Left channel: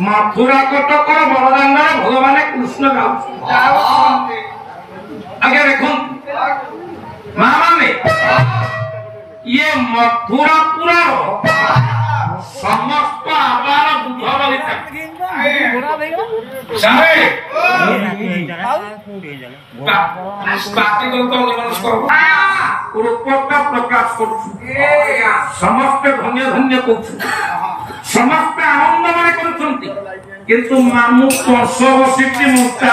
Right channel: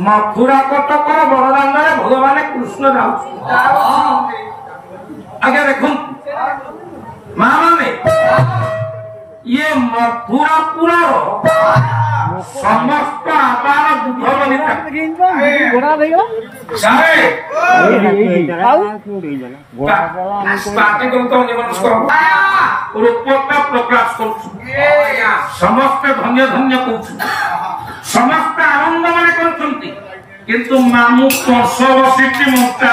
मथुरा कटक बड़दान भगवान कृष्ण गाँव आगे देखो माँ माने ये मथुरापुर समस्त आबार बुध बलिता समस्त धन्य धन्य कौन समस्त आनंद मैंने करते किंतु मामू कंस बसी मोटा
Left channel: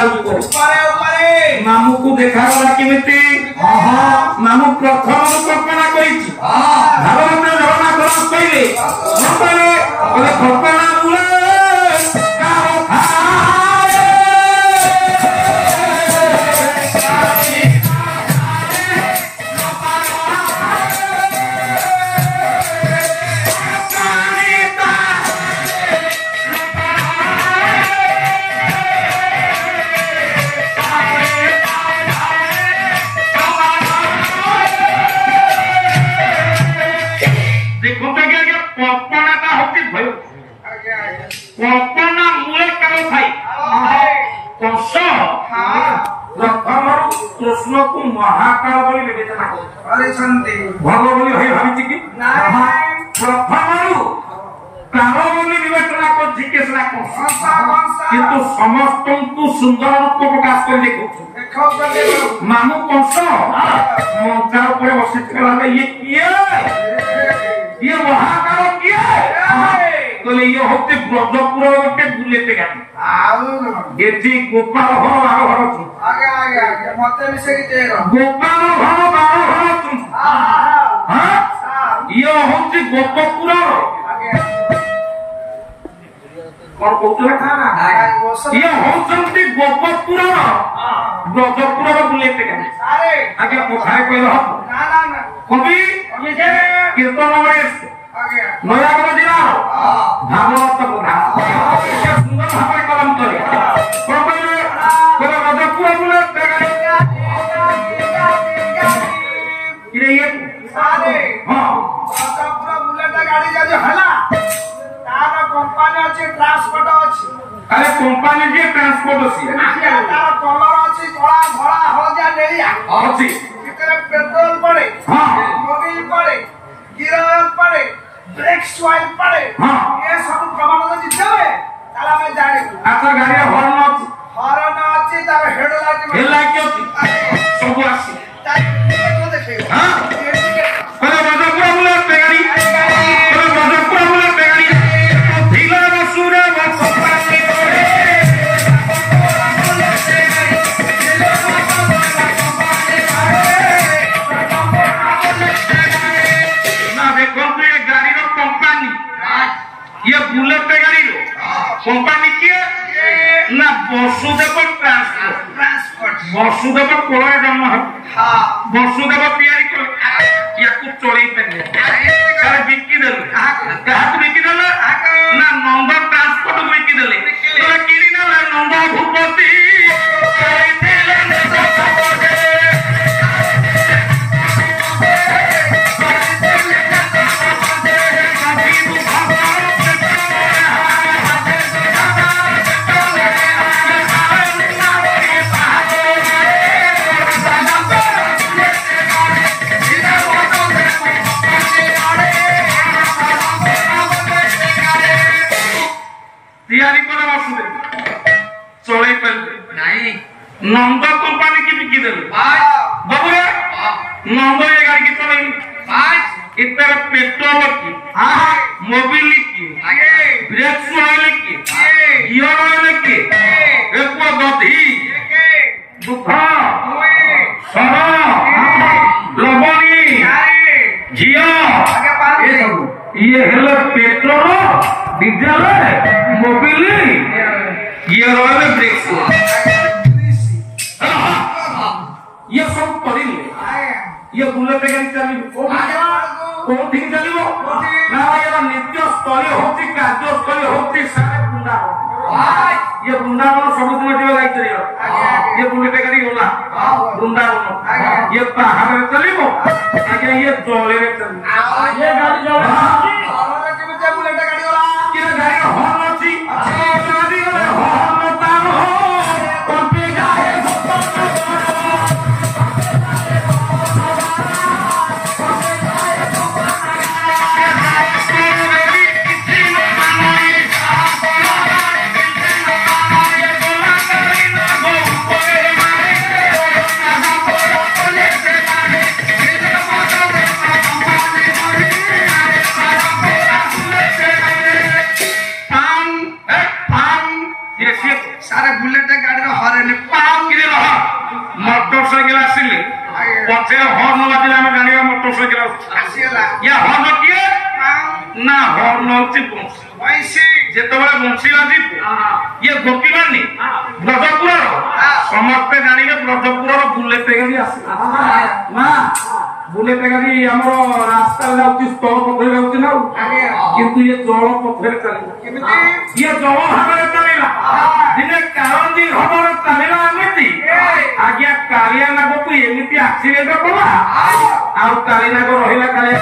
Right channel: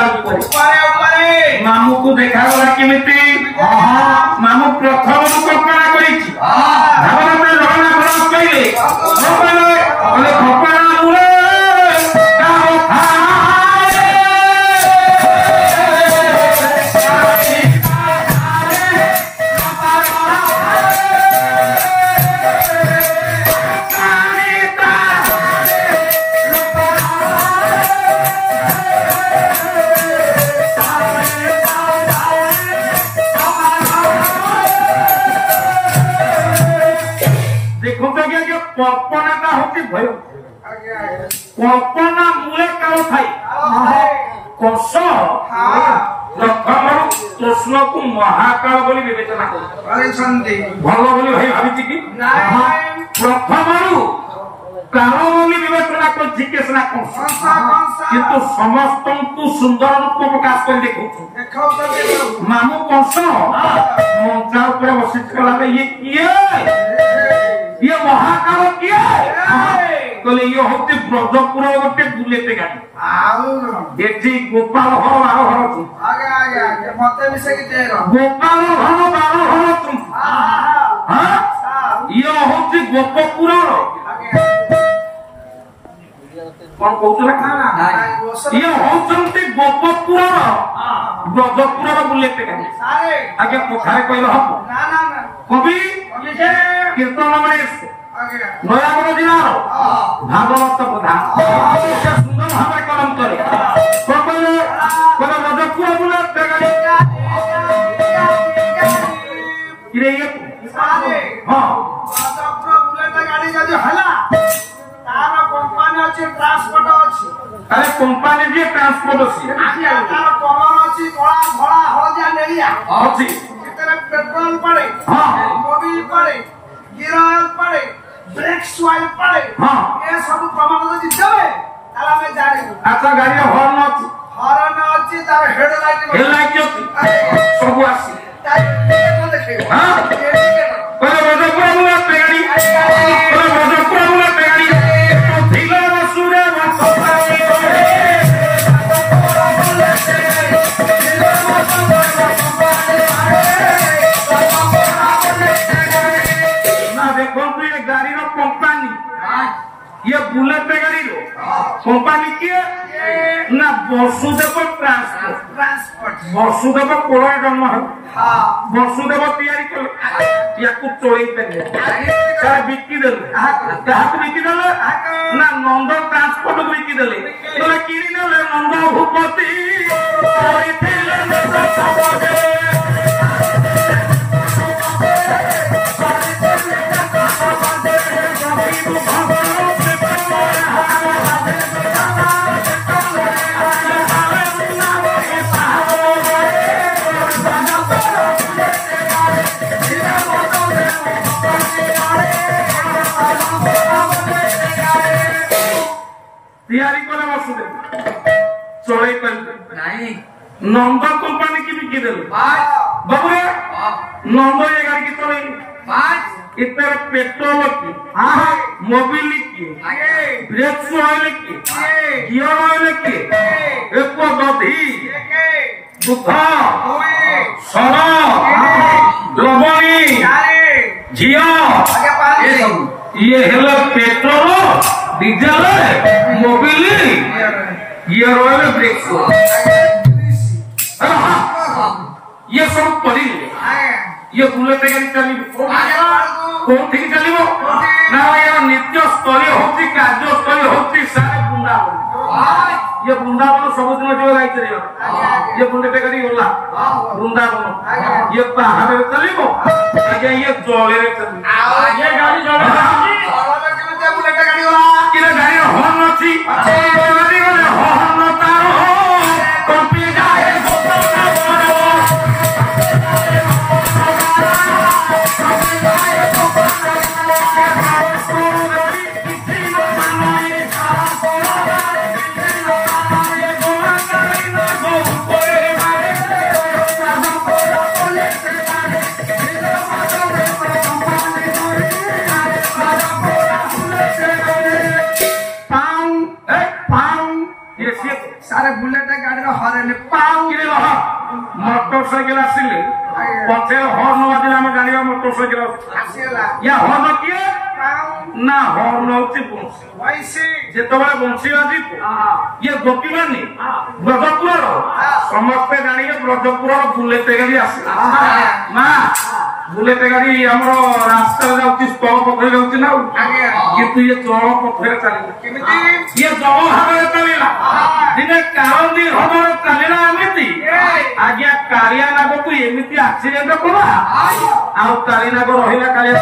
मामू को देखा गला केमिति मामू प्रथम कल्पना करी कल्पना मूले काल थाई कंस प्रथम कृष्ण को महाकाल बोली विवेचना करछन्ती भगव बोली भाई भाबिछि कि प्रथम काल बोली विवेचना करछि केसना कंस किंतु समस्त को सुंदर रूप प्रकाश कर देखो मामू कंस मंचा पर बसितला ये किए ये महाकाल किए कहले ये होते ब्रजपुर गोटे बुलेते गाड़ी एठी गोपाल घर 12 घर थी आगे आगे मते विषय के गोपाल घर 12 घर थी हां ये होते गोपपुर कौन कहतला खाना ये होते गोपपुर ब्रजपुर बुलेते गाड़ी आगे कथा कहलो ना ना ना कवि जे कीर्तन में नयागढ़ जिला भागवत पुराण सुंदर भाव कलम करे रजपुर बुले गाड़ी जदि हला तार कंपनी अछि ट्रांसपोर्ट अछि अरे कंपनी जे ट्रांसपोर्ट अछि तार कलर अछि कला धला हळदिया लेलिया अछि इतने पेट्रोल पड़े मोबिल पड़े गियर पड़े ब्रेक ऑयल पड़े ये सब प्रमाण जदि देबे ताला में जाने अच्छा गाड़ी हॉर्न अछि तार हेडलाइट अछि सब अछि ताई को देखे हां पर रजपुर बुला गाड़ी पर रजपुर बुला गाड़ी तो ढीला बसुरा बसपाली ये बुलेट गाड़ी रो कंपनी किए ना वसुदेव ट्रांसपोर्ट वसुदेव कोड़ा जन्म है वसुदेव तैयारी कर या को चोरी पेले सर बिक्की देले कहा को बिक्की देले ना नंद ट्रांसपोर्ट बिक्की देले तो किरी ना नंद भूपति थे नंद सपोटे तैयारी करे वसुदेव चले पर नहीं नंद कंपनी की बिकी देले बाबूरे नंद ये गाड़ी की चले इतर पेट्रोल की मोबिल की ब्रेक ऑयल की गियर ऑयल की एक दधी दुख सड़ा लवणी घिया ये hello petrol diesel Mobil gear oil brake ये सब पड़ी ये बुलेट गाड़ी चली कौन ठीक चलिबो ना यार नित्य स्तरीय होती कार्य स्तरीय होती सारा वृंदावन ये वृंदावन सब दिन जो लाइट रे ये बुलेट गाड़ी होला वृंदावन ये पहाड़ में चलिबो आगे ये जले रे चली ये गाड़ी जले बुलेट गाड़ी होला कि गाड़ी हॉर्न अछि ପଛରେ ହର୍ନ ବାଜିଲା ଆମେ ଜାଣିବା ମୋଟରସାଇକେଲ ୟା ହର୍ନ କିଏ ନା ହର୍ନ ହଉଛି ବଂଶୀ ଯେତେବେଳେ ବଂଶୀ ବାଜିବ ଇଏ ଗୋପୀମାନେ ବ୍ରଜପୁରର ସମସ୍ତେ ଜାଣିବେ ବ୍ରଜପୁରର ବୁଲେଟ ଗାଡି ଆସିବ ନା ବୁଲେଟ ଗାଡି ଆମର ରାସ୍ତାରେ ଯାଉଛି ସ୍ଥଳ ପଥରେ ଯାଉଛି ନା କିନ୍ତୁ ଇଏ ଜଳ ପଥରେ ଚାଲିବ ଇଏ ଜଳ ଭାବରେ ଚାଲିଲା ଦିନେ କାରନ୍ଦୀ ଭାବରେ ଚାଲିଲା ଏମିତି ଆଜ୍ଞା କାଳିଆ ନାଗକୁ ଏମିତି ଆକ୍ସିଡେଣ୍ଟ କଲା ଆଉ କାଳି ନାଗ ରହିଲା କାଳିଆ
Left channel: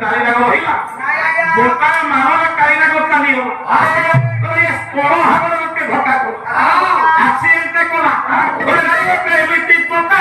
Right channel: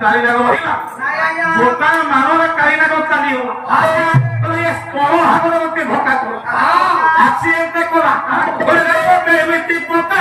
କାଳି ନାଗ ରହିଲା ଦୋକାନ ମାନରେ କାଳି ନାଗ ଚାଲିବ ସ୍ଥଳ ଭାବରେ ଗୋଟେ ଧକ୍କା କଲା ଆକ୍ସିଡେଣ୍ଟ କଲା ଏମିତି ପକା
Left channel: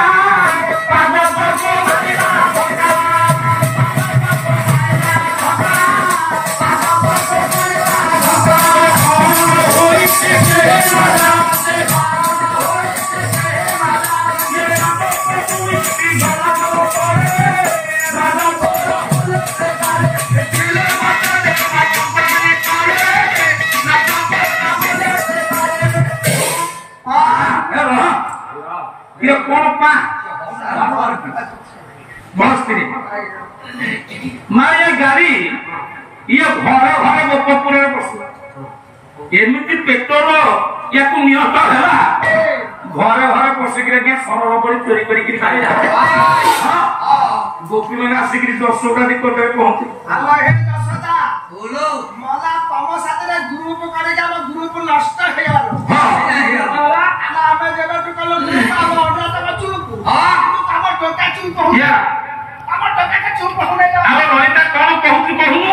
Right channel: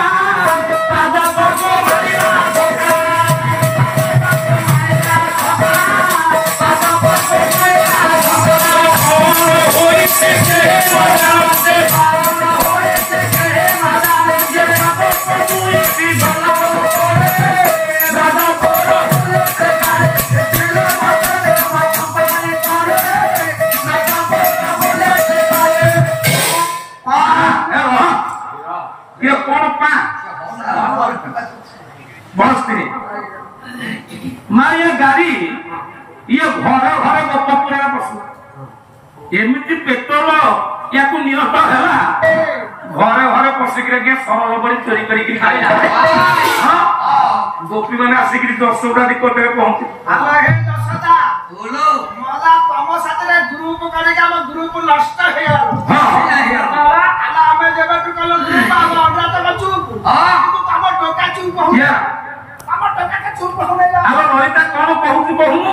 मारिया गाड़ी ये घर घर गोपपुर एमती पेट्रोल या निहत है घरे घरे पशिक सरल बड़ी चोरी कर गोपी मैंने आसिक 10टा निकटरे पहुंचे ग्रुप ग्रुप नष्ट चुप ललिता कौन कहूँ कहूँ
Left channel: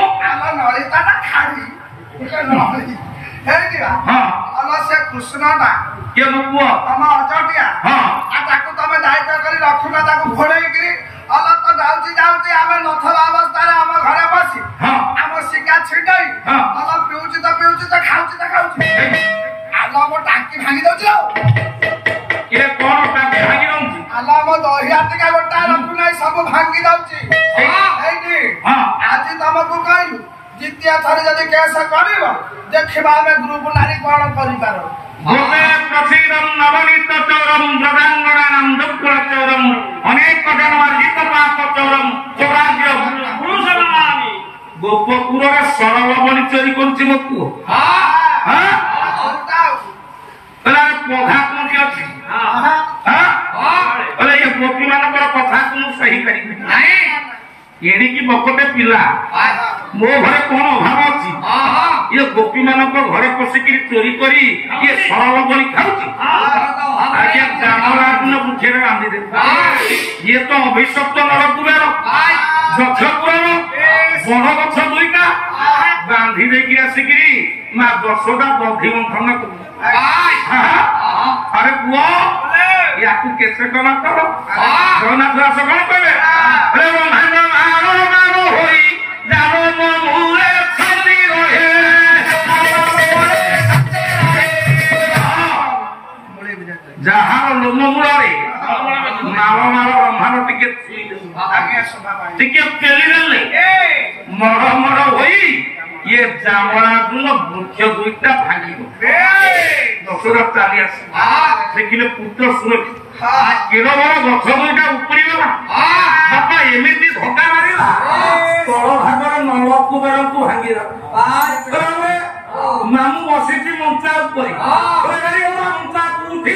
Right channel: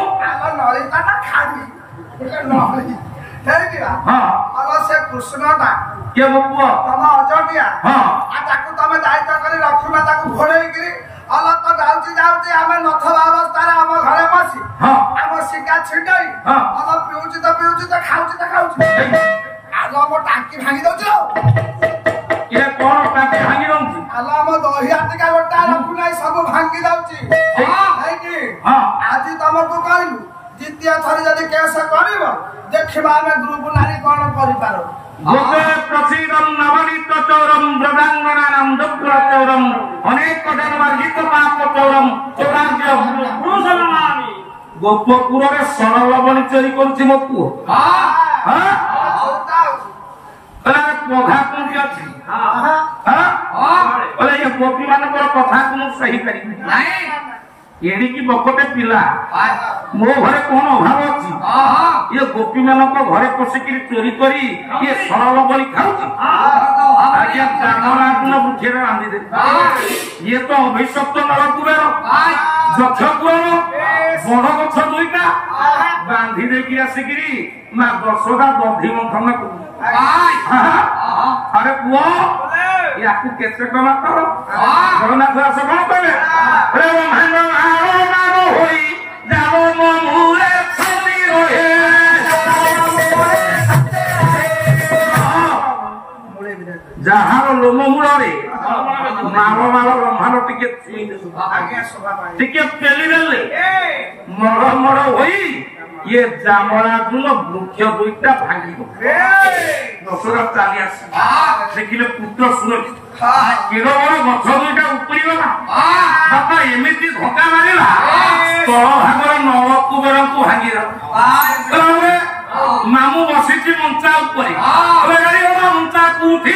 ललिता खाड़ी से कृष्ण ना किए मो पुआ तम अजटिया तुम दायित्व कर रखुना घोड़े अल तो जाऊँगी जाऊँगी आम नथवा अवस्था आम घर बसी आम शिका छिटाई अल पीऊँ तो खाऊँ तो खाऊँ आल मो टांकी भांगी दौर कौन टांकी भांगी दौर आल मो दही आटिका गोटा रखुना सब भांगी दौर आज तुमको कहलु द्वितीय थरी जदि केस कर देखा आम ग्रुप नारी कौन कर गोपपुर सरल बनी चोरी कर प्रधा कोठी अच्छी गोपी मान कथा को सही कर एड़िकी बकटे पिला मो घरे कौन अभाव अच्छी ये गोपी मान घरे पशिक चोरी करी ये सरल बनी खाऊँ आगे जामराजन बुझे बांधि दे ये तो अभिशप्त नरकुबेर गछ कुआर बड़ गछ दुईटा बांधि देकी आसिकी ना 10टा दधि मंथन अरे पुओ या केते टका कर जगन्नाथ दास कौन कहे अरे ब्रह्मांड मारो मारो होई जानो मो मुरे छली रहे जहार लोम मूल मारो मारो ब्रह्मांड टिके पेली देले मर मर होई ये जामराजुन वृक्ष दुईटा भांगी 10टा चाली देखिले पुत्र शुणे केड़ बड़ गछ दुईटा उपड़ी गला बापा एमती धक्का मारिला तल भागर नवकुबेर को भांगी मामू बसी मंचा मंचा कोठी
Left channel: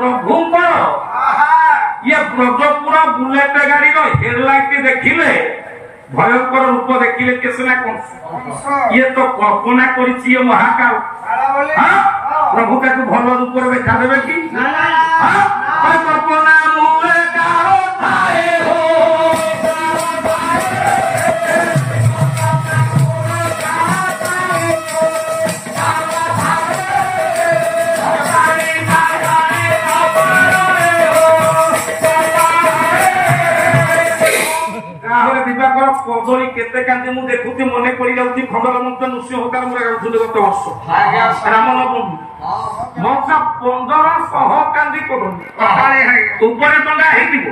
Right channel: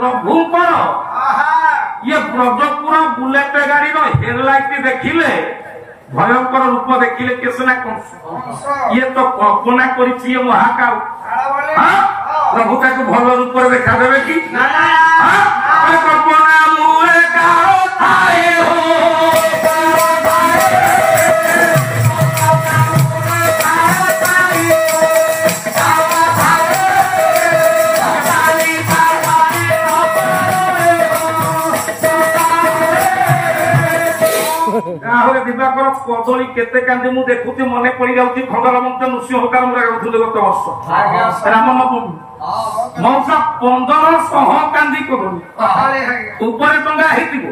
प्रभु ये ब्रजपुर बुलेट गाड़ी हेडलाइट देखिले भयंकर रूप देखिले केसना कौन ये तो कल्पना करी महाकाल प्रभु भल रूप देखा देवे कि कल्पना ତାହେଲେ ଦିବାକର କଦଳୀ କେତେ କାନ୍ଦି ମୁଁ ଦେଖୁଛି ମନେ ପଡି ଯାଉଛି ଖଣ୍ଡର ମଧ୍ୟ ନୃସିଂହ କାମରେ ଗାଉଥିଲେ ଗତ ବର୍ଷ ରାମନବମୀ ମଉସା 1500 କାନ୍ଦି କଦଳୀ ଉପରେ ଟଙ୍ଗା ହେଇଥିବ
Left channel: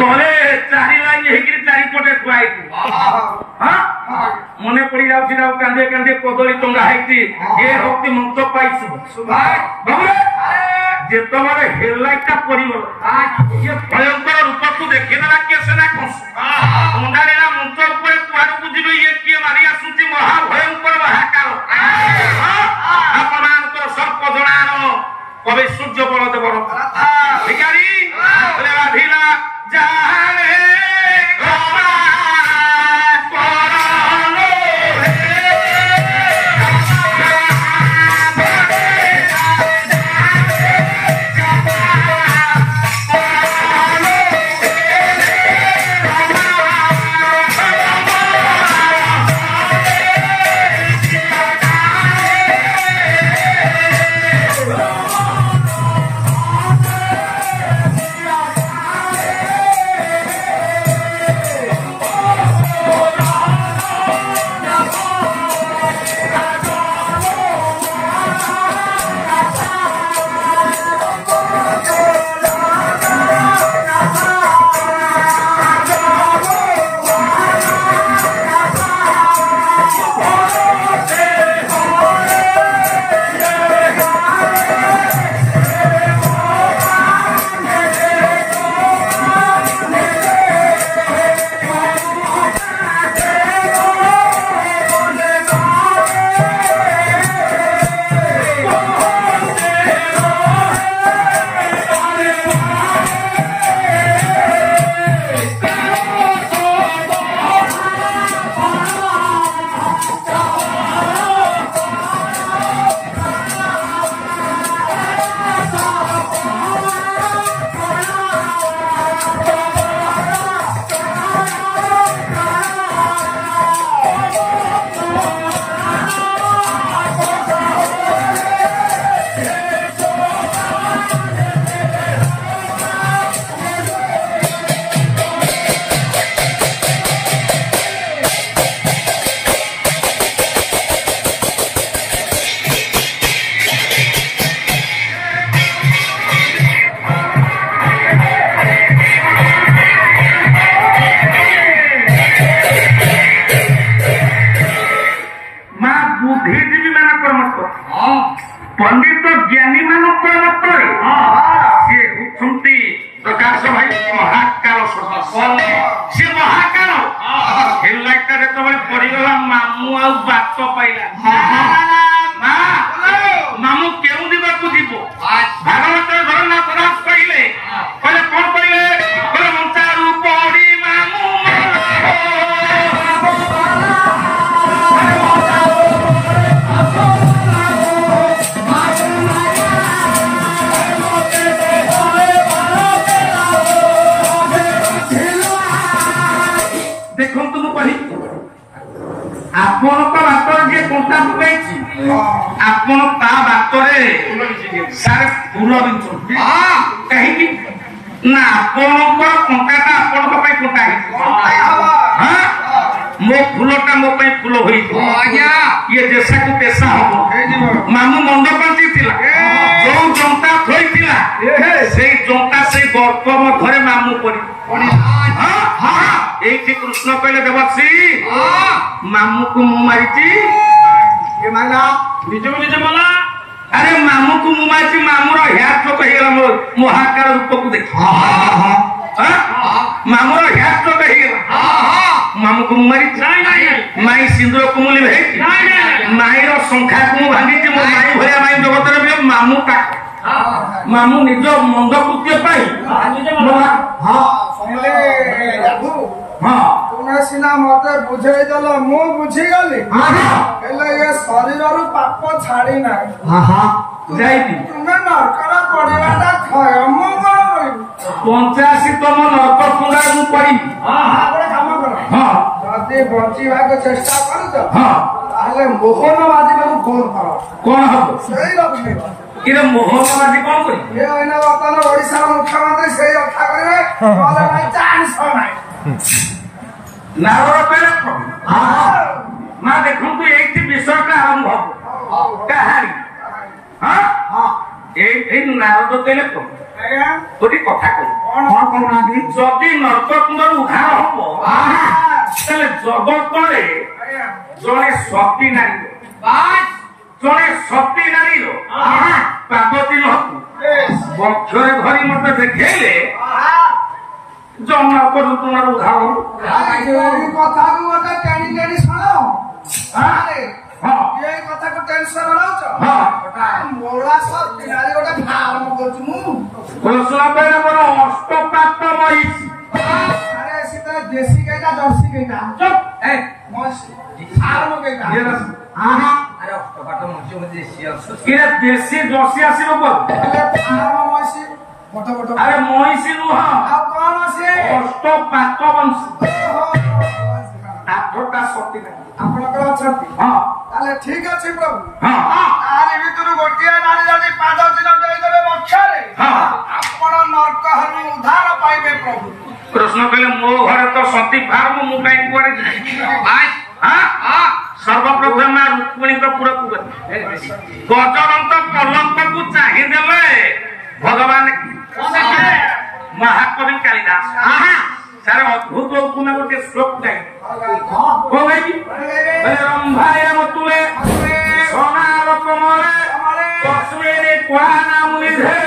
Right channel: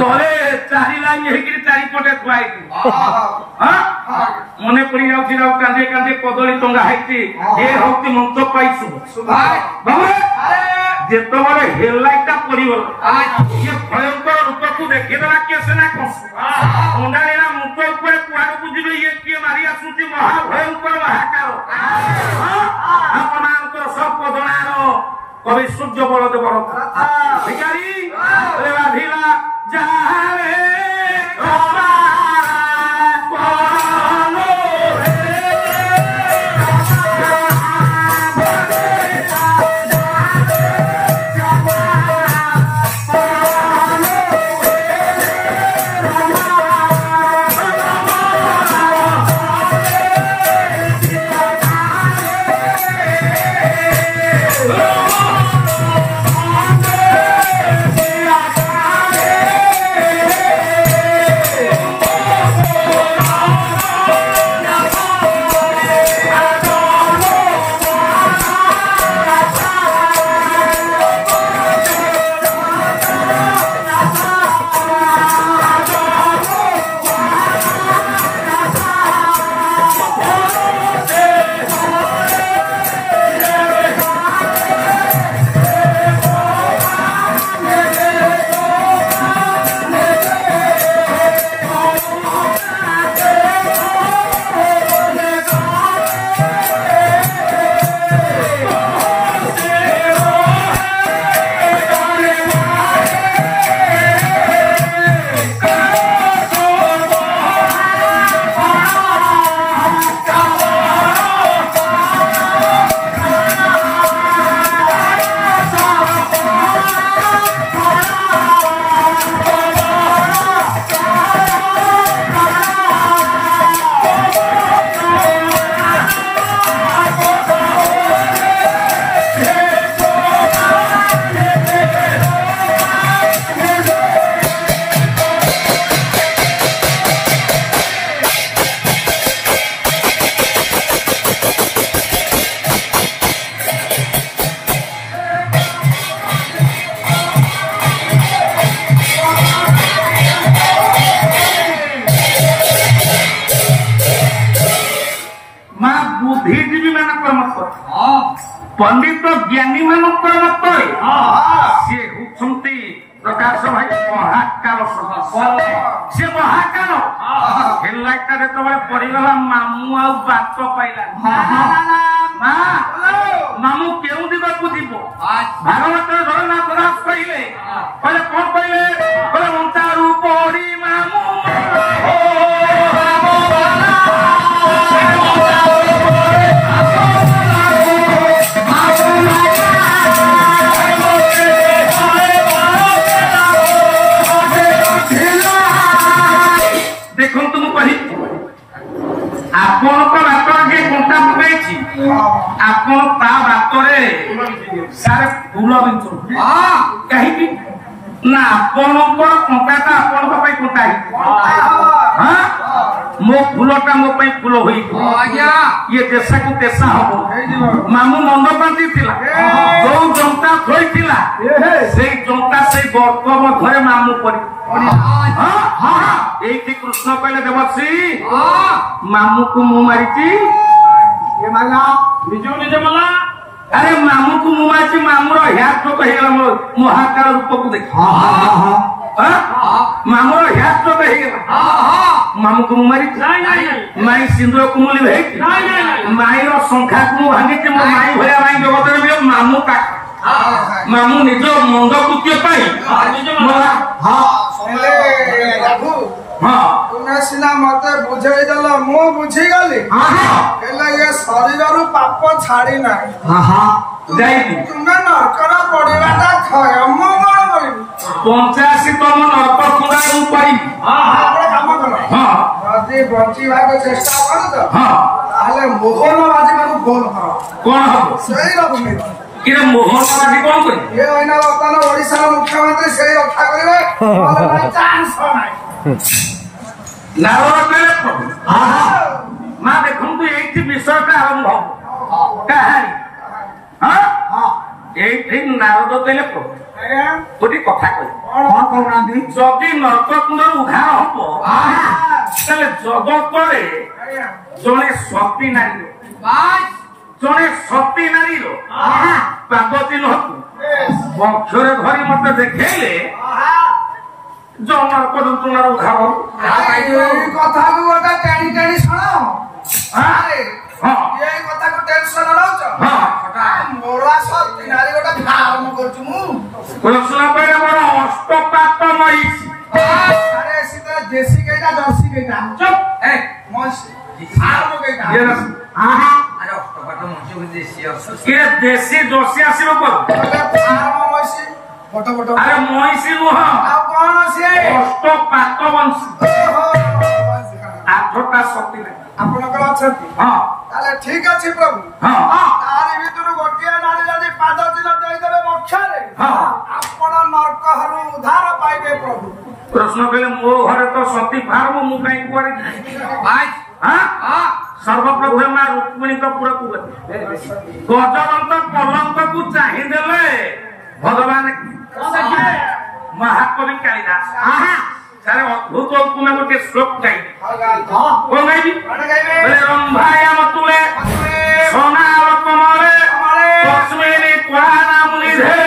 ତଳେ 4 ଲାଇନ ହେଇକି ଚାରିପଟେ ଥୁଆ ହେଇଥିବ ମନେ ପଡି ଯାଉଛି ଆଉ କାନ୍ଦି କାନ୍ଦି କଦଳୀ ଟଙ୍ଗା ହେଇଛି ଏ ହଉଛି ମଞ୍ଚ ପାଇଛୁ ଯେତେବେଳେ ହେଡଲାଇଟଟା ପଡିଗଲା ଇଏ ଭୟଙ୍କର ରୂପକୁ ଦେଖିଦେଲା କିଏ ସେନା ଅଣ୍ଡାଳିନା ମଞ୍ଚ ଉପରେ କୁଆଡକୁ ଯିବେ ଇଏ କିଏ ମାରି ଆସୁଛି ମହାଭୟଙ୍କର ହାହାକାର ଆପଣମାନଙ୍କର ସର୍ପ ଜଣାର କବି ସୂର୍ଯ୍ୟ ବଳଦେବର ଭିକାରୀ ରାଧିଲା ଯାହାରେ पंडित ज्ञानी ମାନଙ୍କର ମତରେ ସିଏ ହେଉଛନ୍ତି ପ୍ରକାଶ ଭାଇ ମହାକାଳ ସେ ମହାକାଳ ହେଲାଟା ଯେତେବେଳେ ପଡିଗଲା ମାମୁଁ ଆଉ ବାଟ ପାଇଲା ମାମୁଁ କେଉଁ ଦିଗକୁ ଯିବ ଭାଗବତରେ ଜଗନ୍ନାଥ ଦାସ କହିଲେ କହିଲେ କଣ କହିଲେ କହିଲେ ମଞ୍ଚାରୁ ପଡି ମାମୁଁ ଆପଣ ତା ବାଟରେ ସାର୍ ଫୁଲ ବିଞ୍ଚନ୍ତି କାହିଁକି ନା ଆପଣଙ୍କ କଣ୍ଟାଟା ଆପଣଙ୍କ ପାଇଁ କଣ୍ଟା ହେଇଥିବ ମୋ ଫୁଲଟା ମୋ ପାଇଁ ଫୁଲ ହୋଇଥିବ ଇଏ ଦେଶାକୁ ଦେଶା ହବ ମାମୁଁ ମନ୍ଦ ପାଞ୍ଚି ଥିଲା ଯୋଉ ଜନ୍ତା ଥୋଇଥିଲା ସେଇ ଜନ୍ତା ସେଇ ଗର୍ପ ମଧ୍ୟରେ ମାମୁଁ ପରି ଏଇଠି କୃଷ୍ଣ କହିଲେ ଦେବଶ୍ରୀ ମାମୁଁକୁ ମୁଁ ମାରିଛି अरे मामू को मुमाची मामूर ह्यार चोक हेगला महाकार रूप को देख मामूर ह्यार चोक हेगला मामू को मुमारी माई सिंदूर कुमुली भाई माई रो संख्या को भांगी जे मो माई भया माई जगत रे बिले मामू का मामू निज मंद कृत्य पाई हां समले बाबू हां तुमे सिना मते बुझेई दल मु बुझी गली हेले ये शरीर रु पाप छाड़ी नाही हां जाई तुमे नरकरा पड़ियाटा खय मु कोन करी 85 तम नरक तुंगा मु पई हां आपण काम कर हां जदी बची भाग चेष्टा कर तो हां ताले मोहन बाजी को फोन कर कोन हबो सही रखी किरे मोहन बाजी कोन करी ए ओइना वर्तमान ओडिसा मुख्यमंत्री सही रक्षा करिवे नले चांस नाही ନାରଦ କହିଲେ ପ୍ରଭୁ ନା ଦେଖନ୍ତୁ ଏଇଠି ବିଷୟଟା ଆରମ୍ଭ କାହାଣୀ ଏଇଠି ନାରଦ କହିଲେ ପ୍ରଭୁ ଗୋଟେ କଥା କହିଲେ ଯଦି ନର୍କକୁଣ୍ଡରୁ ଉଦ୍ଧାର ହବ ତାହେଲେ ଜଗତରେ ଜଣେ ସତୀ ନାରୀ ପାଦ ଚିହ୍ନକୁ ବକ୍ଷରେ ଧରି ମତେ ଦେଖେଇଲେ ନର୍କ ଯନ୍ତ୍ରଣାର ଉଦ୍ଧାର କଥାକୁ ଗୋଟେ ଟେଣି ଟେଣି ଶୁଣ ଏଇ କଥାକୁ ଟେନସନ ନଉଛ ମୋଳା ସତୀ ନାରୀ ଗୋଟେ ଫାର୍ମ କରୁଛୁ ମୁଁ ଅଷ୍ଟପାତ ମହିଷୀ ଆରେ ସେତେବେଳେ ଦେଶୀ କେଇଟା ଜର୍ସି କେଇଟା ଫାର୍ମ କେଇଟା ଦେଶୀ ଜର୍ସି ଆସିବ ଫାର୍ମ ମହିଷୀ ବଟ ବଟ ଆରେ ମହିଷୀ ନୁହଁ ଆଉ କଣ ସିଏ ଅଷ୍ଟପାତ ବଂଶୀ ଆଠଟା ସତୀ ଆପଣଙ୍କର ଅଛନ୍ତି ତାହେଲେ ଠିକ ଅଛି ପ୍ରଭୁ ତାରି ଭିତରୁ ଗୋଟିଏ ନାରୀ ଯଦି ପାଦ ଚିହ୍ନ ଦେଇଦେବେ ବକ୍ଷରେ ଆପଣ ନର୍କହରୁ ଉଦ୍ଧାର ପାଇବେ ପ୍ରଭୁ ପ୍ରଶ୍ନ କଲେ ମୋ ଘରେ ତ ସତୀ ଫାର୍ମ ମୁଁ କାହିଁ କୁଆଡେ ସର୍ବପ୍ରଥମେ ମା ରୁକ୍ମିଣୀଙ୍କ ପୁରକୁ ଗଜଦନ୍ତ ପଲଙ୍କକୁ ଚାହିଁଦେଲେ ଭଗବାନ ମହାକବି କାଳିଦାସ ସାରା ଅଦ୍ଭୁତ ଉପମା ଗୋଟେ ଶ୍ଲୋକ ଗାଇବେ କଣ ଗାଇବି ରମ୍ଭାୟନ ତୁମେ ସୋନାର ତୁମରେ କସ୍ମିନୀ କୁହାନା ମୁନିଧେ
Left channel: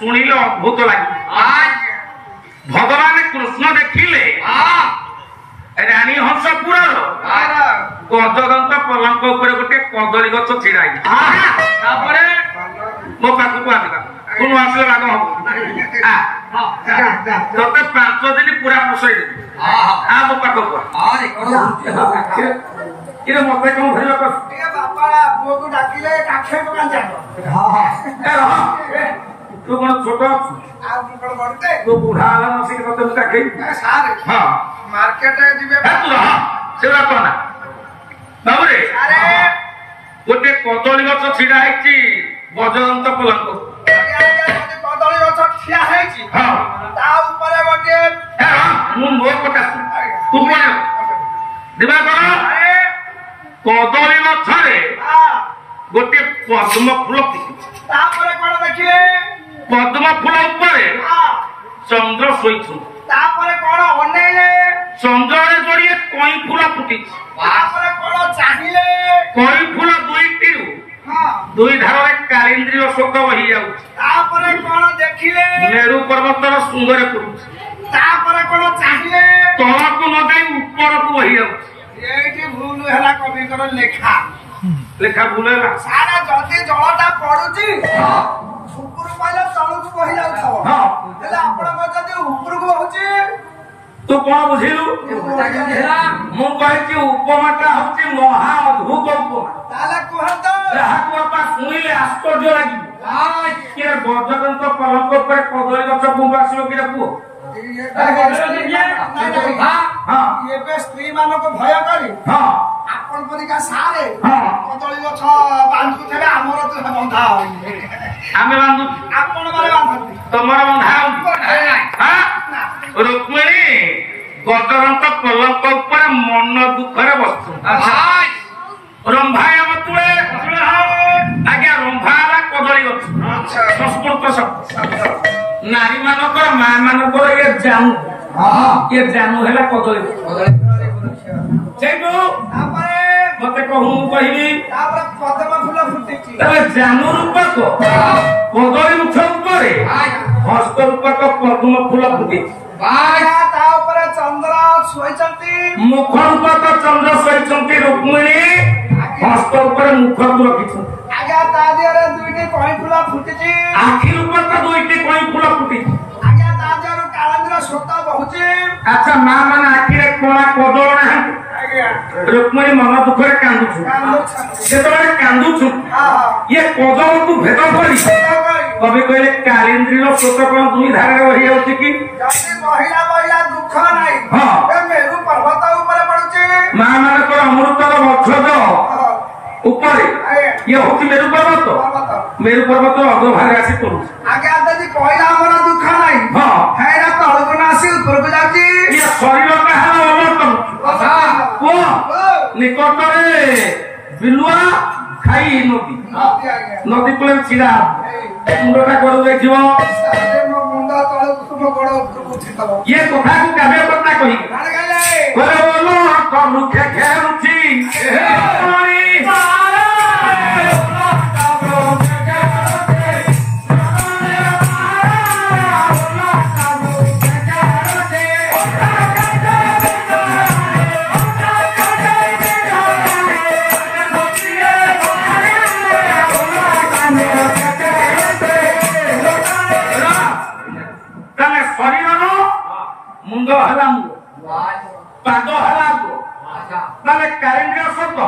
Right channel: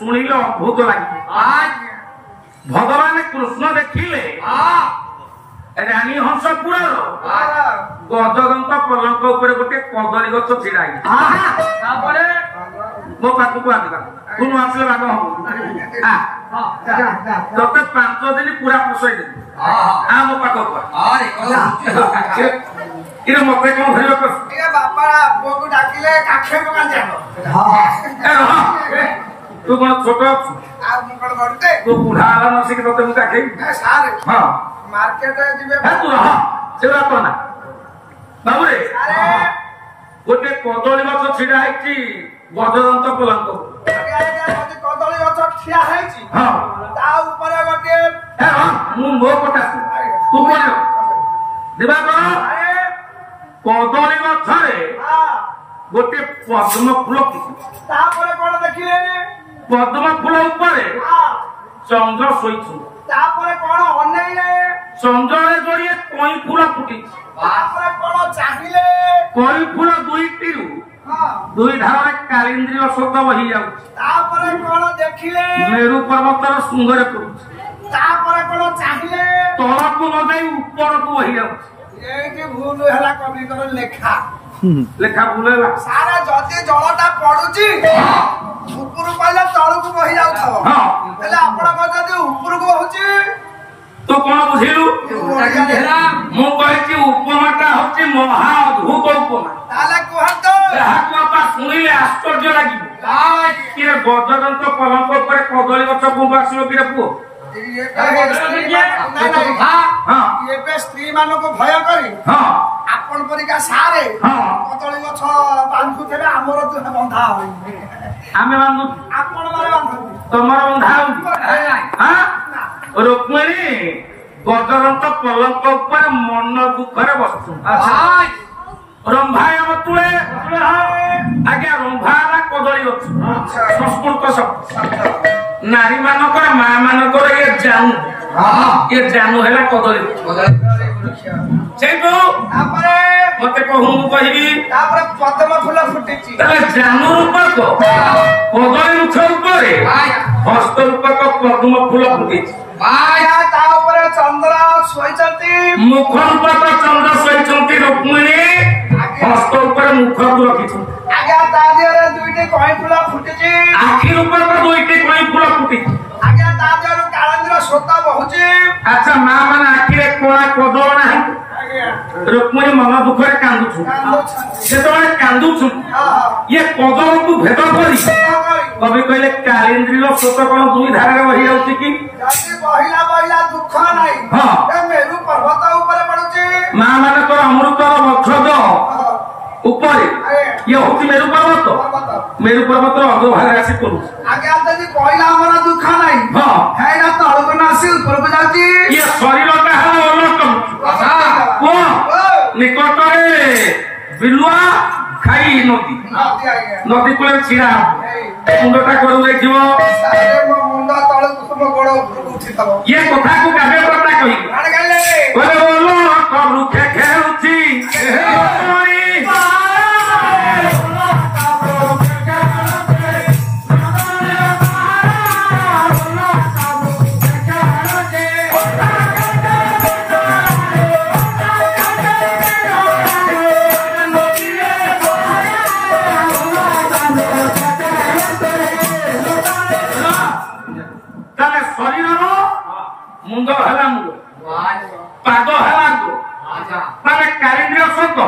ଶୁଣିଲେ ଅଦ୍ଭୁତ ଲାଗିବ ଭଗବାନ କୃଷ୍ଣ ଦେଖିଲେ ରାଣୀ ହଂସପୁରର ଗଜଦନ୍ତ ପଲଙ୍କ ଉପରେ ଗୋଟେ କଦଳୀ ଗଛ ଛିଡା ହେଇଛି ତାପରେ ମୋ ପାଖକୁ ଆସିବା ତୁ ନ ଆସିଲେ ରାଗ ହବ ତତେ 5 ଦିନ ପୁରା ପୋଷେଇ ଦେବି ମୋ ପାଖକୁ ମତେ କଣ ଧରିବ ବାପା ପୁଅକୁ ଡାକିଲେ କାଖେ ପକାନ ଯାକ ତୁ କଣ ଛୋଟ ଅଛୁ ଆଉ ମୁଁ କଣ ବଡଟେ ତୁ ବୁଢା ହେଲା ନସିକି ତତେ ମୁଁ କାଖେଇ ସାର୍ ମାର୍କେଟ ଯିବେ ସେଟା କଣ ନା ବାବୁରେ ଗୋଟେ କଦଳୀ ଗଛ ଛିଡା ହେଇଛି ଗଜଦନ୍ତ ପଲଙ୍କ ଯଦି କଦଳୀ ଗଛ ଠିଆ ହେଇଛି ତା ଉପରେ ଗୋଟେ ମୁଁ ମୋ କଥା ତୁ କଣ ଦିବା କଣ କଦଳୀ ଗଛରେ ଗୋଟେ ପଦ୍ମ ଫୁଲ ତାପରେ କଣ ଦେଖିଲେ ପଦ୍ମ ଫୁଲ ଉପରେ ଚନ୍ଦ୍ର ଶୋଇଛନ୍ତି ତାପରେ କଣ ଅନେଇଲେ ଚନ୍ଦ୍ରରେ ଯୋଡ଼ିଏ କଇଁ ଫୁଲ ଫୁଟିଛି ତାପରେ କଣ ଚାହିଁଲେ କଇଁ ଫୁଲ ଦୁଇଟିରୁ ଦୁଇ ଧାରରେ କାଳିନ୍ଦ୍ରୀ ଅଶୋକ ବହି ଯାଉଛି ତାପରେ କଣ ଦେଖିଲେ ମେରୁ ପର୍ବତର ଶୃଙ୍ଗରେ ପଡୁଛି ତାପରେ କଣ ଚାହିଁଲେ ତଳକୁ ନ ଯାଇ ଉପରକୁ ବହି ଯାଉଛି ଏଇଠି ଭୁଲ ହେଲା କବିଙ୍କର ଲେଖା ଲେଖା ଭୁଲ ହେଲା ସାରା ଯଦି ଜଳଟା ପଡୁଛି ଉପରୁ କହିଲେ ତଳକୁ ବହି ଯାଉଥିବ ହେଲେ ଆପଣଙ୍କ ଯଦି ଉପରକୁ ବହୁଛି ତୁ କଣ ବୁଝିଲୁ ମୁଁ କହିଛି ଉପମାଟା ହଉଛି ମହା ଅଦ୍ଭୁତ ଉପମା ତାହେଲେ କୁହନ୍ତୁ ଯାହାକୁ ବାପା ଶୁଣିଲେ ଆଶ୍ଚର୍ଯ୍ୟ ଲାଗିବ କିରେ ଗଜଦନ୍ତ ପଲଙ୍କ ଉପରେ କଦଳୀ ଗଛ କୁඹ ଆସିବ କିରେ ପୁଅ ଏବେ ସ୍ତ୍ରୀ ମାନଙ୍କୁ ଭୟ କରି ଆପଣ ପରିକା ସାରେ କଦଳୀ ଗଛ ବାନ୍ଧୁଥିବେ ଆମର ବନ୍ଧା ଆମେ ବାନ୍ଧୁ ଆପଣ ମାନେ ବାନ୍ଧନ୍ତି ତମର ବନ୍ଧା ରୁକ୍ମିଣୀ ଗଜଦନ୍ତ ପଲଙ୍କ ଉପରେ ମନ ଦୁଃଖରେ ବସୁଛନ୍ତି ରମ୍ଭାୟ ତୁଳେ ଆଜ୍ଞା ରମ୍ଭା ହେଲା କଦଳୀ ଗଛ ସଂସ୍କୃତ ଶବ୍ଦ ନାରୀ ମାନଙ୍କର ମା ମାନଙ୍କର ଏ ଜାନୁ ହେଲା କଦଳୀ ସେଇଠୁ ମତେ କହୁ ମୁଁ କହିବି ତାପରେ ପଦ୍ମ ଫୁଲ ଫୁଟିଛି ତାହେଲେ ଜାନୁ ରୂପକ କଦଳୀ ଗଛ ଉପରେ हस्तरूपक पद्म फूल फुटी ता ऊपर चंद्र शोइचंती मुख रूपक चंद्र शोइचंती रुक्मिणी हस्त ऊपर मुख को रखिछु आगे ता दिहरे दुईटी कई फूल फुटिची आखि रूपक दुईटी कई फूल फुटी आगे ता दिहरे कालंद्र सोता बहुची अच्छा मां माने आखि रे कोना कदळ ना रुक्मिणी मन दुख रे कांदुछु जेतबे कांदुछु ये कदळ को भेद करी कभी कहले कालिंद्री रो सोत कोन दुई धारे रही होती कि जति महिला महिला दुख नाही ए मेरु पर्वत ऊपर पडुची मां माने तो अमृत रो वृक्ष ऊपर ये होती मेरु पर्वत अग्रभाग आसी करू आगे आदि कहला हमर दुख नाही हेरा तळको नासी ऊपर को जाती ये शरीर का हाल अलग को निकट रे बिलुआ खाई नदी को छिड़ा मुंडटा करू देखियो अरे मो मुंडा तळ कुसुम गोड़ ऊपर उठितलो ये कथा को गाबे पता कहि माने गले बोलो करू खे खेउची मुंड हला मुंड पाद हला माने कारेंद्र सत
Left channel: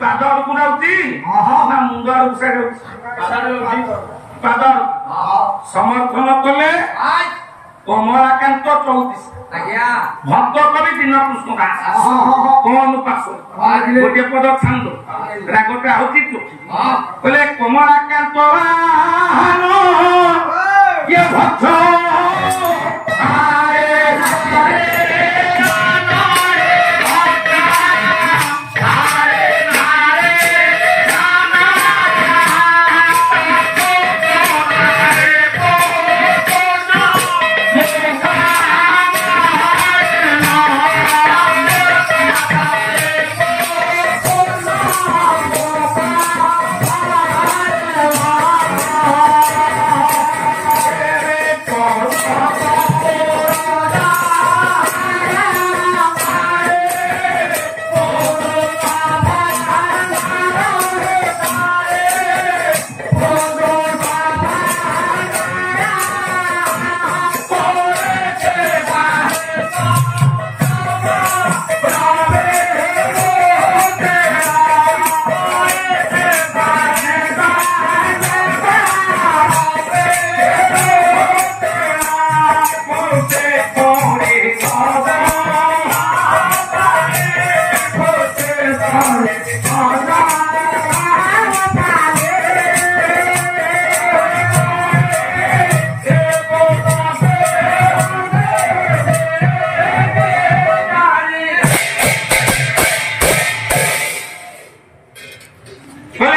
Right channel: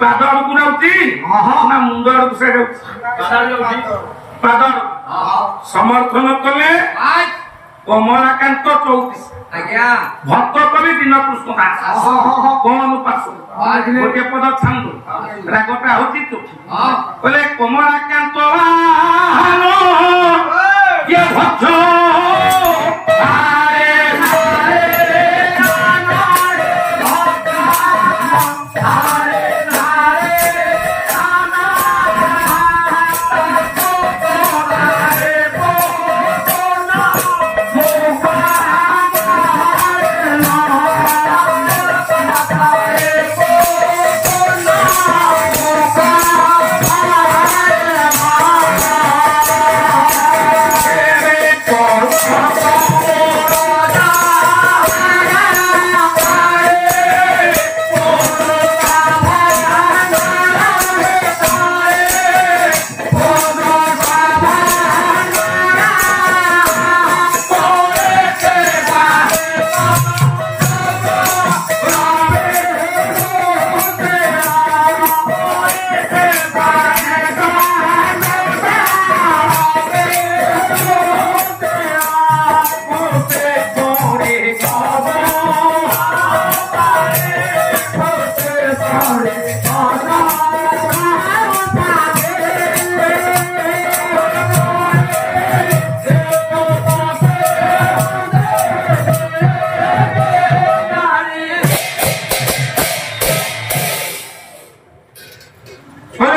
पाद को नाउती ना मुंड को से पाद समर्थन कले कमलाकांत 34 आज्ञा भक्त कवि दिन कृष्ण दास कोन पास गोटे पद छांदो रागटा होती तो बोले कमलाकांत ये भक्त